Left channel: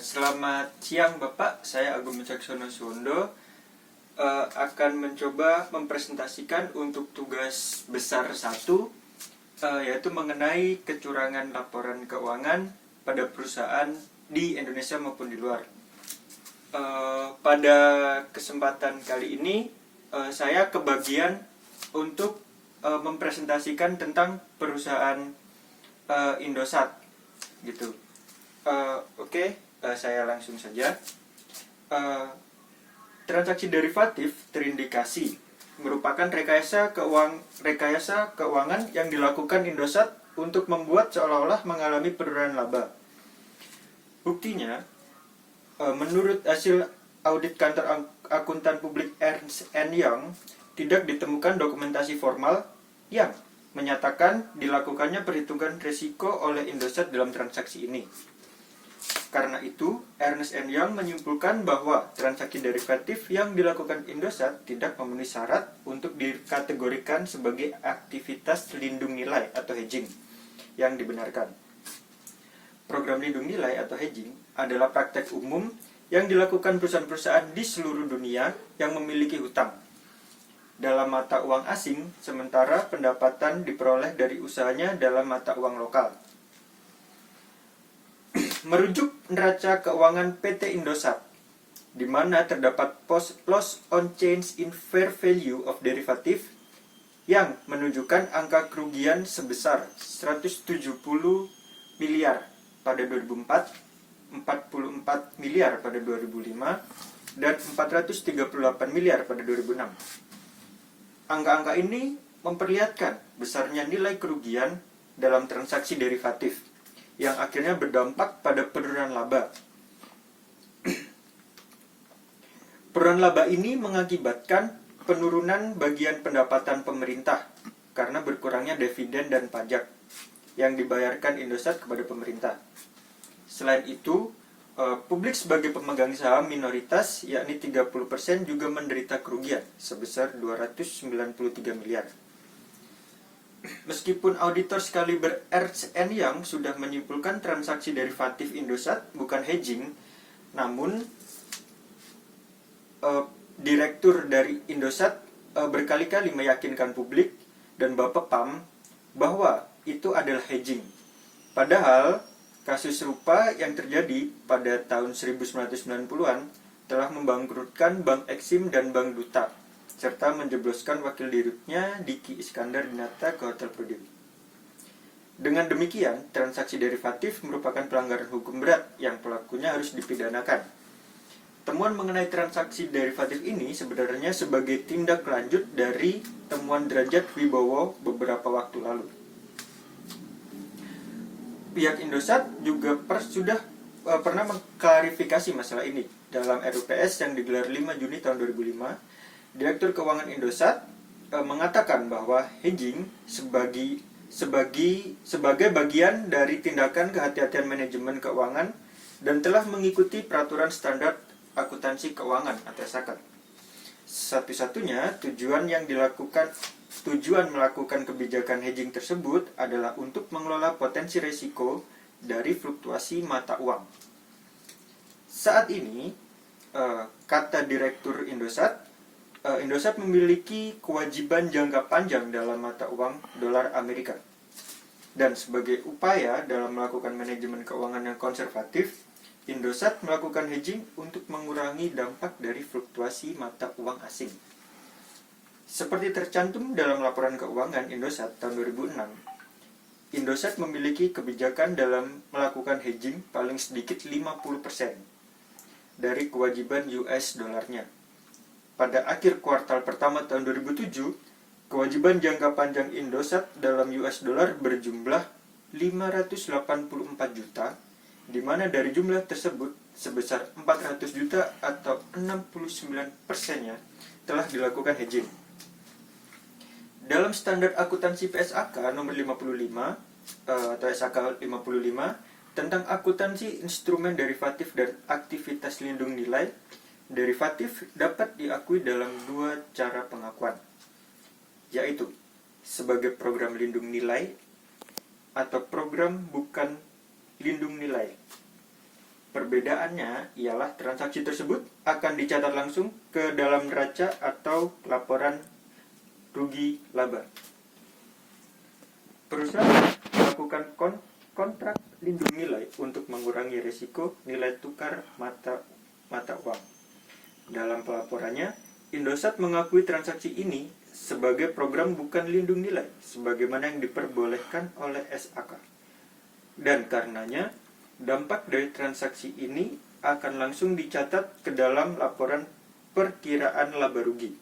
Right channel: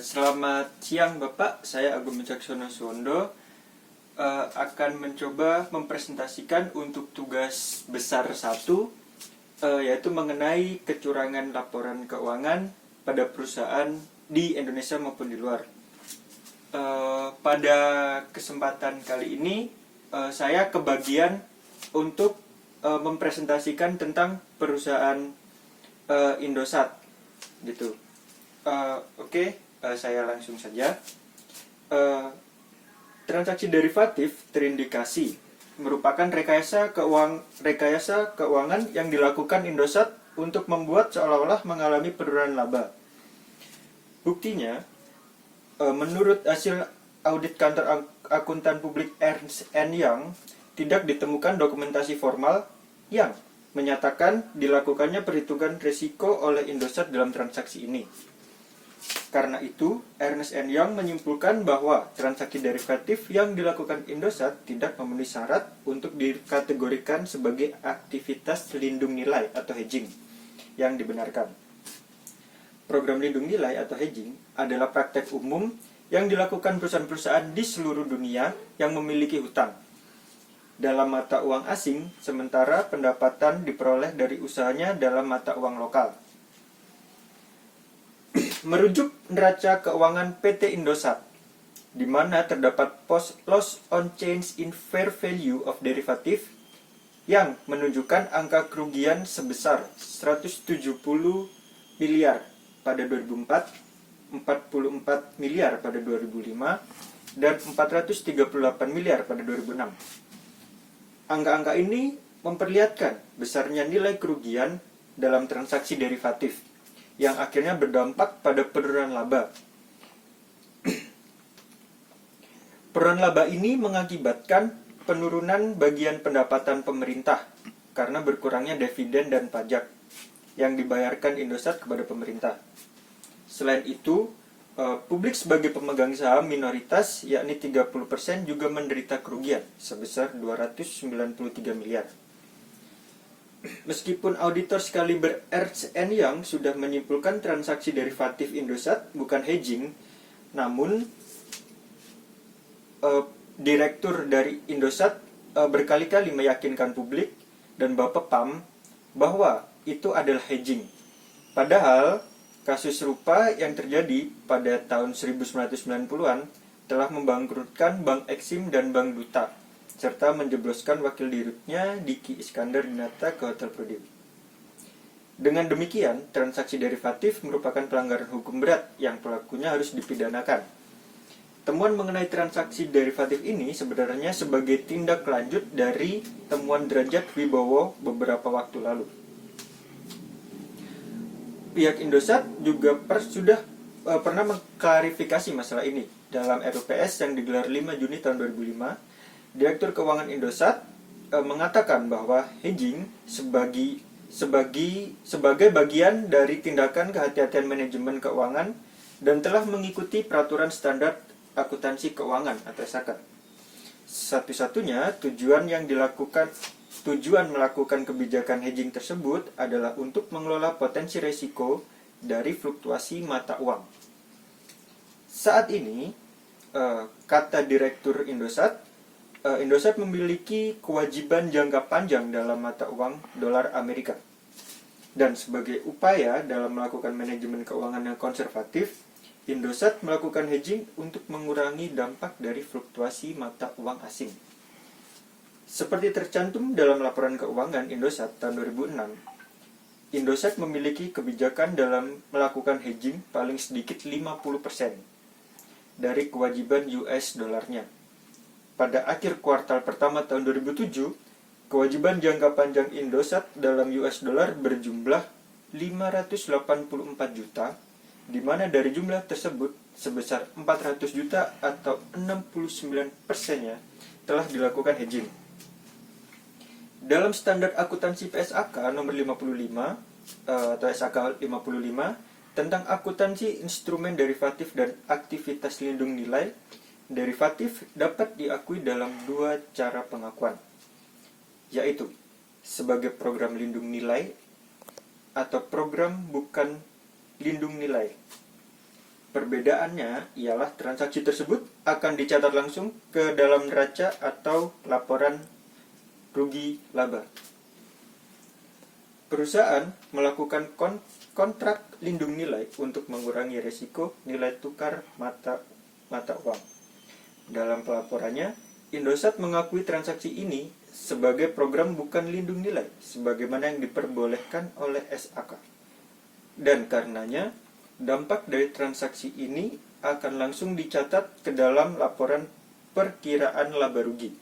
Selamat siang Bapak, saya Agung Wicaksono Suwondo akan mencoba mempresentasikan untuk tugas besar 1, yaitu mengenai kecurangan laporan keuangan pada perusahaan di Indonesia maupun di luar. Pada kesempatan kali ini saya kebagian untuk mempresentasikan tentang perusahaan Indosat gitu. Saya langsung saja. Transaksi derivatif terindikasi merupakan rekayasa keuangan yang dilakukan Indosat untuk membuat seolah-olah mengalami penurunan laba. Buktinya, menurut hasil audit kantor akuntan publik Ernst & Young, tidak ditemukan dokumentasi formal yang menyatakan dilakukannya perhitungan risiko oleh Indosat dalam transaksi ini. Karena itu, Ernst & Young menyimpulkan bahwa transaksi derivatif yang dilakukan Indosat tidak memenuhi syarat untuk dikategorikan sebagai aktivitas lindung nilai atau hedging yang dibenarkan. Program lindung nilai atau hedging adalah praktek umum yang dilakukan perusahaan-perusahaan di seluruh dunia yang memiliki hutang dalam mata uang asing, sementara pendapatan diperoleh dari usahanya dalam mata uang lokal. Merujuk neraca keuangan PT Indosat, di mana terdapat loss on change in fair value of derivative yang menunjukkan angka kerugian sebesar 170 miliar pada 2004, 44 miliar pada 2005, dan 438 miliar pada 2006. Angka-angka ini memperlihatkan besarnya nilai kerugian dalam transaksi derivatif yang akhirnya berdampak pada penurunan laba. Penurunan laba ini mengakibatkan penurunan bagian pendapatan pemerintah karena berkurangnya dividen dan pajak yang dibayarkan Indosat kepada pemerintah. Selain itu, publik sebagai pemegang saham minoritas yakni 30% juga menderita kerugian sebesar 293 miliar. Meskipun auditor sekaliber Ernst & Young sudah menyimpulkan transaksi derivatif Indosat bukan hedging, namun direktur dari Indosat berkali-kali meyakinkan publik dan Bapepam bahwa itu adalah hedging. Padahal kasus serupa yang terjadi pada tahun 1990-an telah membangkrutkan Bank Exim dan Bank Duta, serta menjebloskan wakil dirutnya Diki Iskandar Dinata ke Hotel Prudential. Dengan demikian, transaksi derivatif merupakan pelanggaran hukum berat yang pelakunya harus dipidanakan. Temuan mengenai transaksi derivatif ini sebenarnya sebagai tindak lanjut dari temuan Derajat Wibowo beberapa waktu lalu. Pihak Indosat juga sudah pernah mengklarifikasi masalah ini dalam RUPS yang digelar 5 Juni tahun 2005. Direktur Keuangan Indosat mengatakan bahwa hedging sebagai bagian dari tindakan kehati-hatian manajemen keuangan dan telah mengikuti peraturan standar akuntansi keuangan atau SAKA. Satu-satunya tujuan melakukan kebijakan hedging tersebut adalah untuk mengelola potensi risiko dari fluktuasi mata uang. Saat ini, kata Direktur Indosat memiliki kewajiban jangka panjang dalam mata uang dolar Amerika. Dan sebagai upaya dalam melakukan manajemen keuangan yang konservatif, Indosat melakukan hedging untuk mengurangi dampak dari fluktuasi mata uang asing. Seperti tercantum dalam laporan keuangan Indosat tahun 2006, Indosat memiliki kebijakan dalam melakukan hedging paling sedikit 50% dari kewajiban US dolarnya. Pada akhir kuartal pertama tahun 2007, kewajiban jangka panjang Indosat dalam US dollar berjumlah 584 juta, di mana dari jumlah tersebut sebesar 400 juta atau 69%-nya telah dilakukan hedging. Dalam standar akuntansi PSAK nomor 55 atau SAK 55 tentang akuntansi instrumen derivatif dan aktivitas lindung nilai, derivatif dapat diakui dalam 2 cara pengakuan, yaitu sebagai program lindung nilai atau program bukan lindung nilai. Perbedaannya ialah transaksi tersebut akan dicatat langsung ke dalam neraca atau laporan rugi laba. Perusahaan melakukan kontrak lindung nilai untuk mengurangi risiko nilai tukar mata uang. Dalam pelaporannya, Indosat mengakui transaksi ini sebagai program bukan lindung nilai, sebagaimana yang diperbolehkan oleh SAK. Dan karenanya, dampak dari transaksi ini akan langsung dicatat ke dalam laporan perkiraan laba rugi.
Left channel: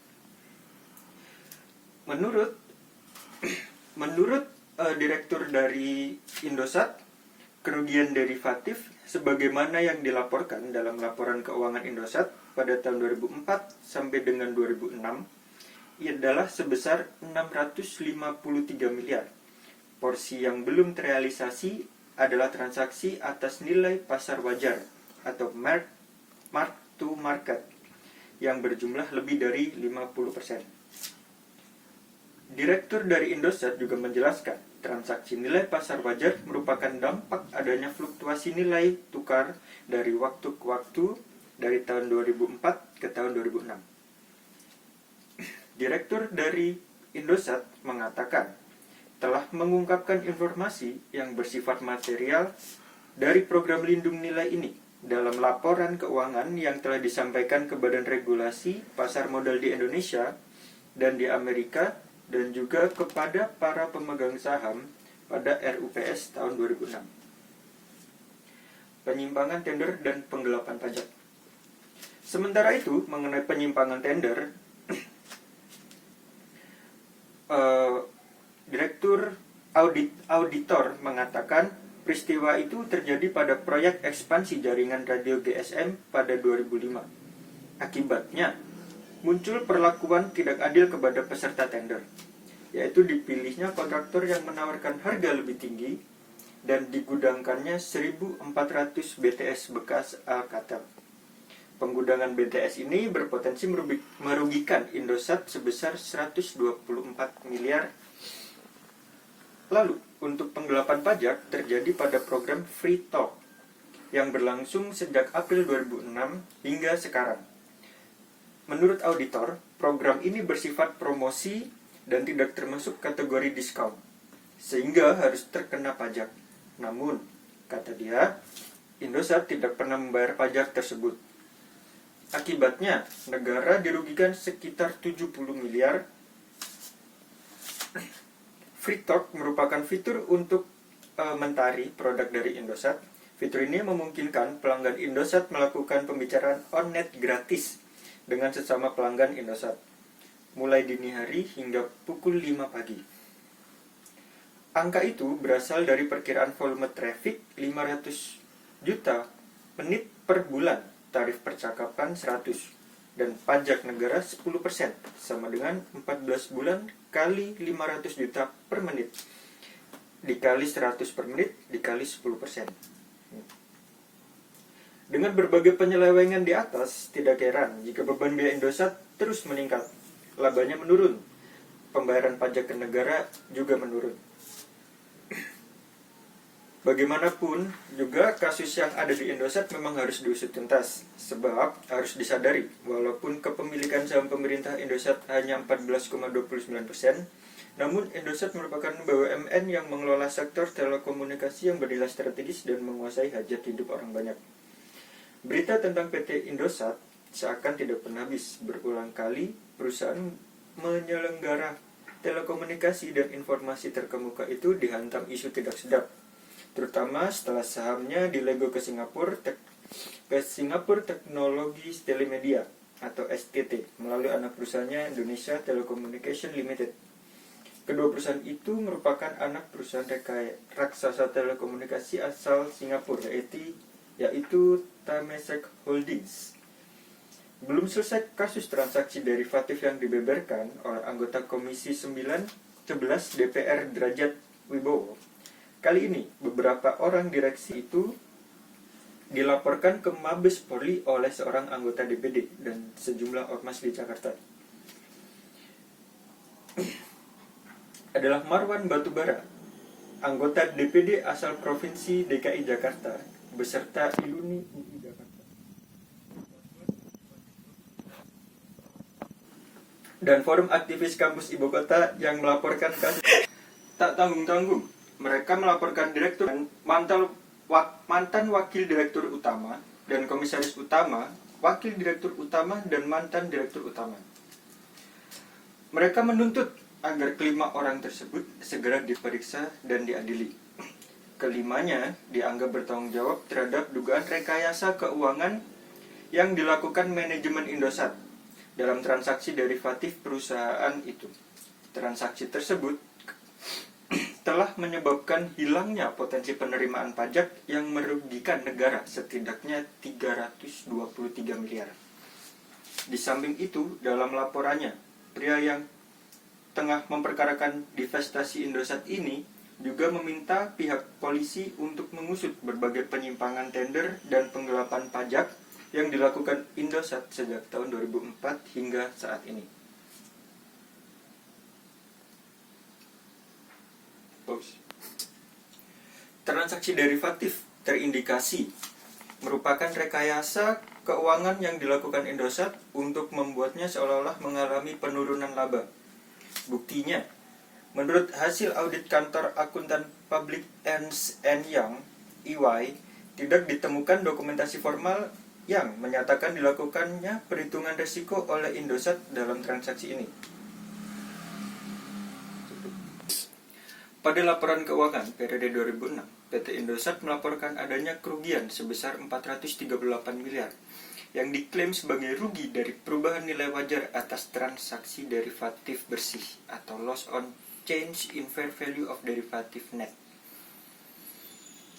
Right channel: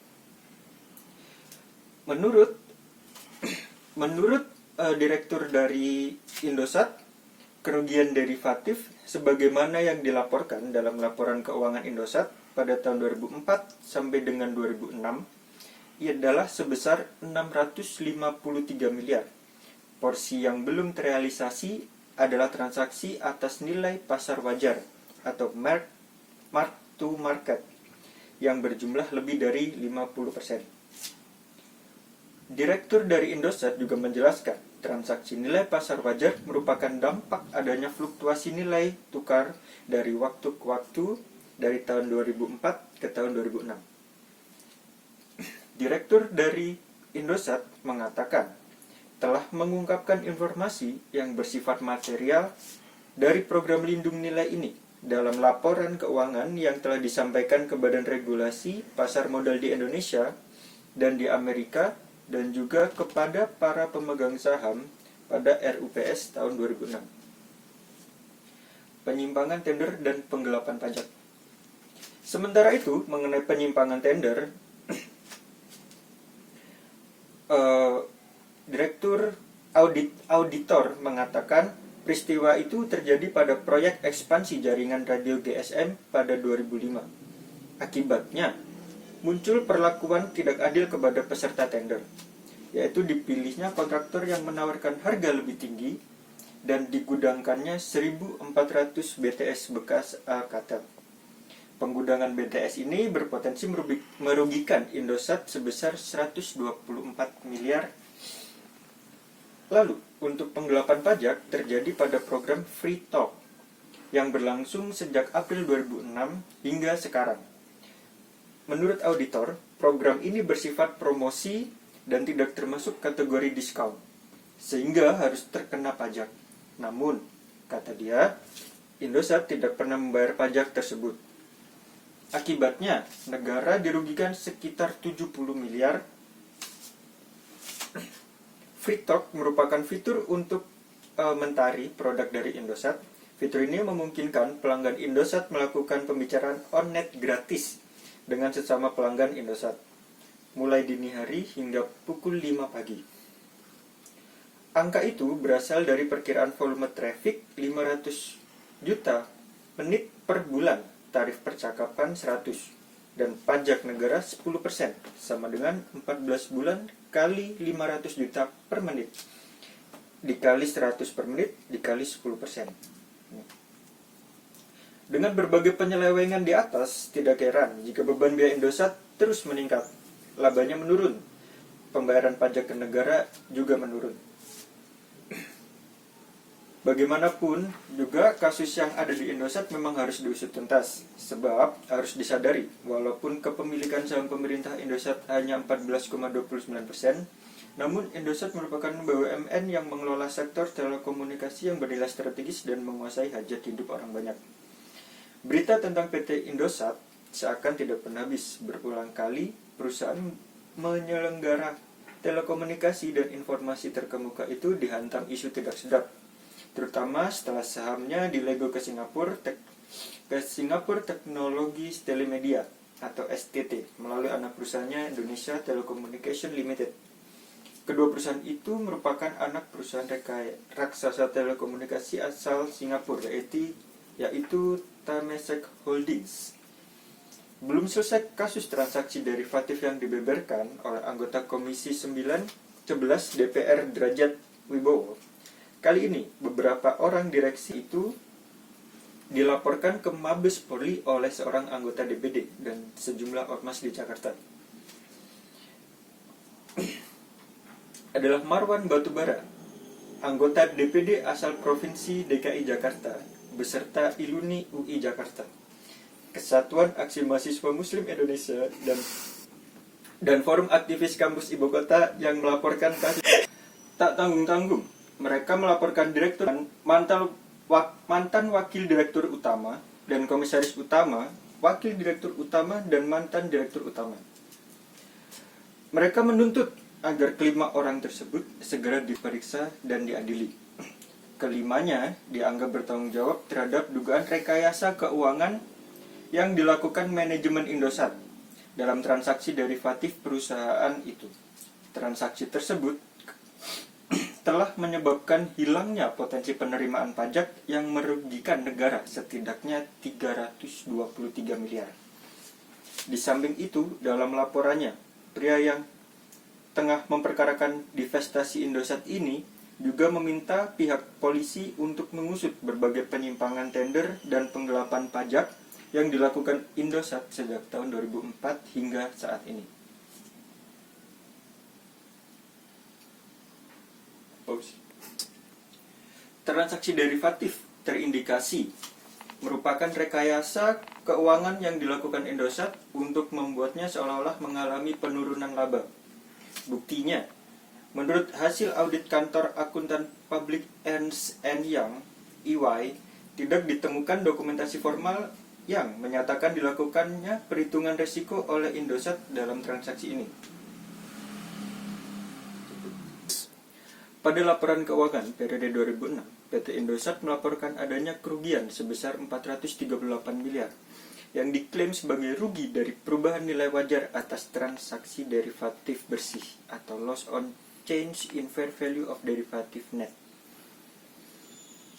Menurut Direktur dari Indosat, kerugian derivatif sebagaimana yang dilaporkan dalam laporan keuangan Indosat pada tahun 2004 sampai dengan 2006 adalah sebesar 653 miliar. Porsi yang belum terrealisasi adalah transaksi atas nilai pasar wajar atau mark to market yang berjumlah lebih dari 50%. Direktur dari Indosat juga menjelaskan, transaksi nilai pasar wajar merupakan dampak adanya fluktuasi nilai tukar dari waktu ke waktu dari tahun 2004 ke tahun 2006. Direktur dari Indosat mengatakan, telah mengungkapkan informasi yang bersifat material dari program lindung nilai ini dalam laporan keuangan yang telah disampaikan ke Badan Regulasi Pasar Modal di Indonesia dan di Amerika dan juga kepada para pemegang saham pada RUPS tahun 2006. Penyimpangan tender dan penggelapan pajak. Sementara itu, mengenai penyimpangan tender, Direktur Auditor mengatakan peristiwa itu terjadi pada proyek ekspansi jaringan radio GSM pada 2005. Akibatnya, muncul perlakuan tidak adil kepada peserta tender, yaitu dipilihnya kontraktor yang menawarkan harga lebih tinggi dan digudangkannya 1.400 BTS bekas Alcatel. Penggudangan BTS ini berpotensi merugikan Indosat sebesar 124 miliar. Lalu, untuk penggelapan pajak terjadi pada program Free Talk yang berlangsung sejak April 2006 hingga sekarang. Menurut auditor, program ini bersifat promosi dan tidak termasuk kategori diskon, sehingga harus terkena pajak. Namun, kata dia, Indosat tidak pernah membayar pajak tersebut. Akibatnya, negara dirugikan sekitar 70 miliar. Free Talk merupakan fitur untuk mentari produk dari Indosat. Fitur ini memungkinkan pelanggan Indosat melakukan pembicaraan on-net gratis dengan sesama pelanggan Indosat, mulai dini hari hingga pukul 5 pagi. Angka itu berasal dari perkiraan volume traffic 500 juta menit per bulan, tarif percakapan 100, dan pajak negara 10%, sama dengan 14 bulan kali 500 juta per menit, dikali 100 per menit, dikali 10%. Dengan berbagai penyelewengan di atas, tidak heran jika beban biaya Indosat terus meningkat, labanya menurun, pembayaran pajak ke negara juga menurun. Bagaimanapun juga kasus yang ada di Indosat memang harus diusut tuntas, sebab harus disadari walaupun kepemilikan saham pemerintah Indosat hanya 14,29%, namun Indosat merupakan BUMN yang mengelola sektor telekomunikasi yang bernilai strategis dan menguasai hajat hidup orang banyak. Berita tentang PT Indosat seakan tidak pernah habis. Berulang kali perusahaan menyelenggara telekomunikasi dan informasi terkemuka itu dihantam isu tidak sedap, terutama setelah sahamnya dilego ke Singapura Teknologi Telemedia atau STT melalui anak perusahaannya Indonesia Telecommunication Limited. Kedua perusahaan itu merupakan anak perusahaan raksasa telekomunikasi asal Singapura, yaitu Temasek Holdings. Belum selesai kasus transaksi derivatif yang dibeberkan oleh anggota Komisi 11 DPR Derajat Wibowo. Kali ini, beberapa orang direksi itu dilaporkan ke Mabes Polri oleh seorang anggota DPD dan sejumlah ormas di Jakarta. Adalah Marwan Batubara, anggota DPD asal Provinsi DKI Jakarta, beserta Iluni UI Jakarta, Kesatuan Aksi Mahasiswa Muslim Indonesia, dan Forum Aktivis Kampus Ibu Kota yang melaporkan kasus. Tak tanggung-tanggung, mereka melaporkan direktur, mantan wakil direktur utama, dan komisaris utama, wakil direktur utama, dan mantan direktur utama. Mereka menuntut agar kelima orang tersebut segera diperiksa dan diadili. Kelimanya dianggap bertanggung jawab terhadap dugaan rekayasa keuangan yang dilakukan manajemen Indosat dalam transaksi derivatif perusahaan itu. Transaksi tersebut telah menyebabkan hilangnya potensi penerimaan pajak yang merugikan negara setidaknya 323 miliar. Di samping itu, dalam laporannya, pria yang tengah memperkarakan divestasi Indosat ini juga meminta pihak polisi untuk mengusut berbagai penyimpangan tender dan penggelapan pajak yang dilakukan Indosat sejak tahun 2004 hingga saat ini. Transaksi derivatif terindikasi merupakan rekayasa keuangan yang dilakukan Indosat untuk membuatnya seolah-olah mengalami penurunan laba. Buktinya, menurut hasil audit kantor akuntan publik Ernst & Young (EY), tidak ditemukan dokumentasi formal yang menyatakan dilakukannya perhitungan risiko oleh Indosat dalam transaksi ini. Pada laporan keuangan periode 2006, PT Indosat melaporkan adanya kerugian sebesar 438 miliar yang diklaim sebagai rugi dari perubahan nilai wajar atas transaksi derivatif bersih atau loss on change in fair value of derivative net.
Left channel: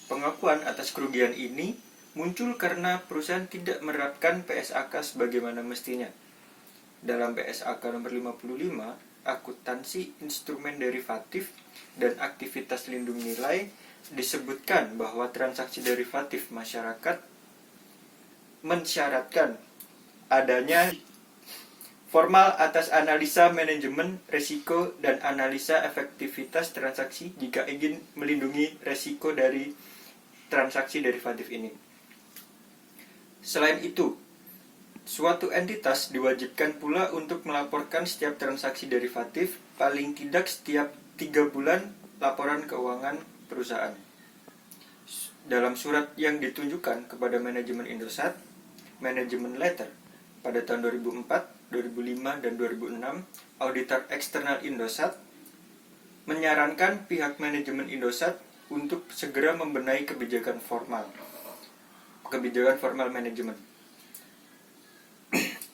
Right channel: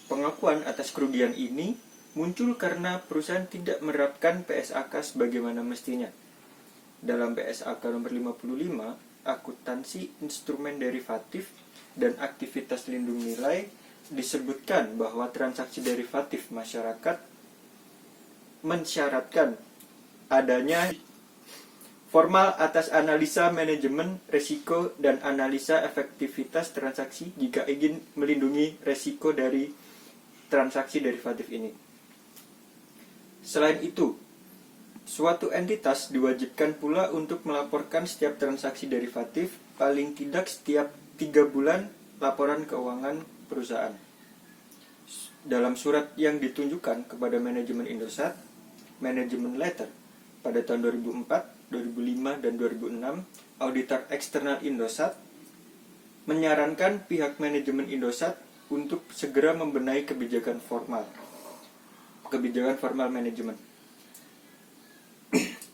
Pengakuan atas kerugian ini muncul karena perusahaan tidak menerapkan PSAK sebagaimana mestinya. Dalam PSAK nomor 55, akuntansi instrumen derivatif dan aktivitas lindung nilai disebutkan bahwa transaksi derivatif masyarakat mensyaratkan adanya formal atas analisa manajemen risiko dan analisa efektivitas transaksi jika ingin melindungi risiko dari transaksi derivatif ini. Selain itu, suatu entitas diwajibkan pula untuk melaporkan setiap transaksi derivatif paling tidak setiap 3 bulan laporan keuangan perusahaan. Dalam surat yang ditunjukkan kepada manajemen Indosat, Management Letter, pada tahun 2004, 2005, dan 2006, auditor eksternal Indosat menyarankan pihak manajemen Indosat untuk segera membenahi kebijakan formal manajemen.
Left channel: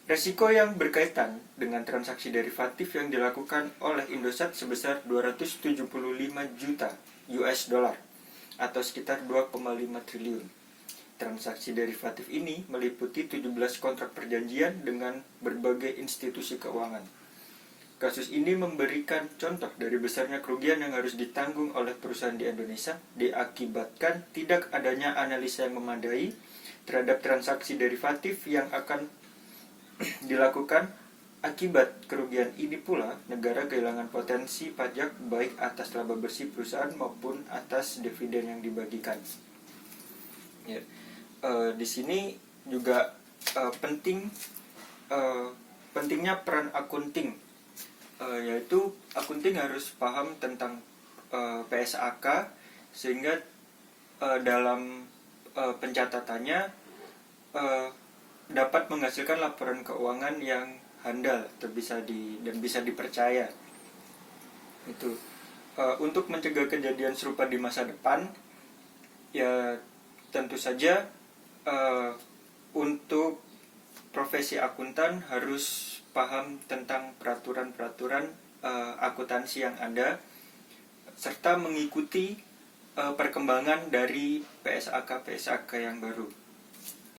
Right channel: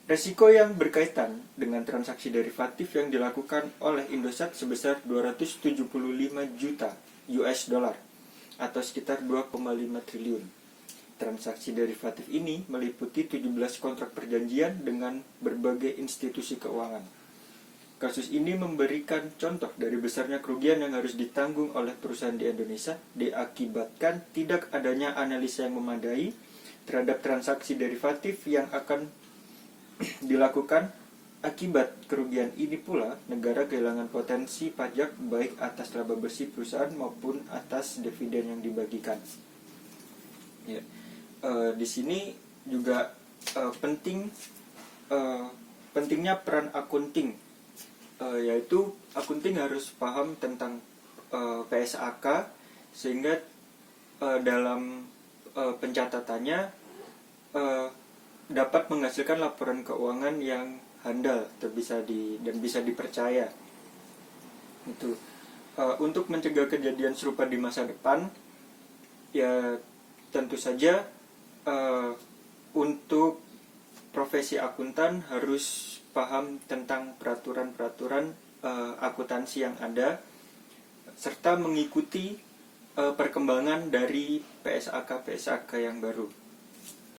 Resiko yang berkaitan dengan transaksi derivatif yang dilakukan oleh Indosat sebesar 275 juta US dollar atau sekitar 2,5 triliun. Transaksi derivatif ini meliputi 17 kontrak perjanjian dengan berbagai institusi keuangan. Kasus ini memberikan contoh dari besarnya kerugian yang harus ditanggung oleh perusahaan di Indonesia diakibatkan tidak adanya analisa yang memadai terhadap transaksi derivatif yang akan dilakukan. Akibat kerugian ini pula, negara kehilangan potensi pajak baik atas laba bersih perusahaan maupun atas dividen yang dibagikan. Ya. Di sini juga pentingnya peran akunting, yaitu akunting harus paham tentang PSAK sehingga dalam pencatatannya dapat menghasilkan laporan keuangan yang handal atau bisa dipercaya. Itu untuk mencegah kejadian serupa di masa depan, ya tentu saja untuk profesi akuntan harus paham tentang peraturan-peraturan akuntansi yang ada serta mengikuti perkembangan dari PSAK yang baru.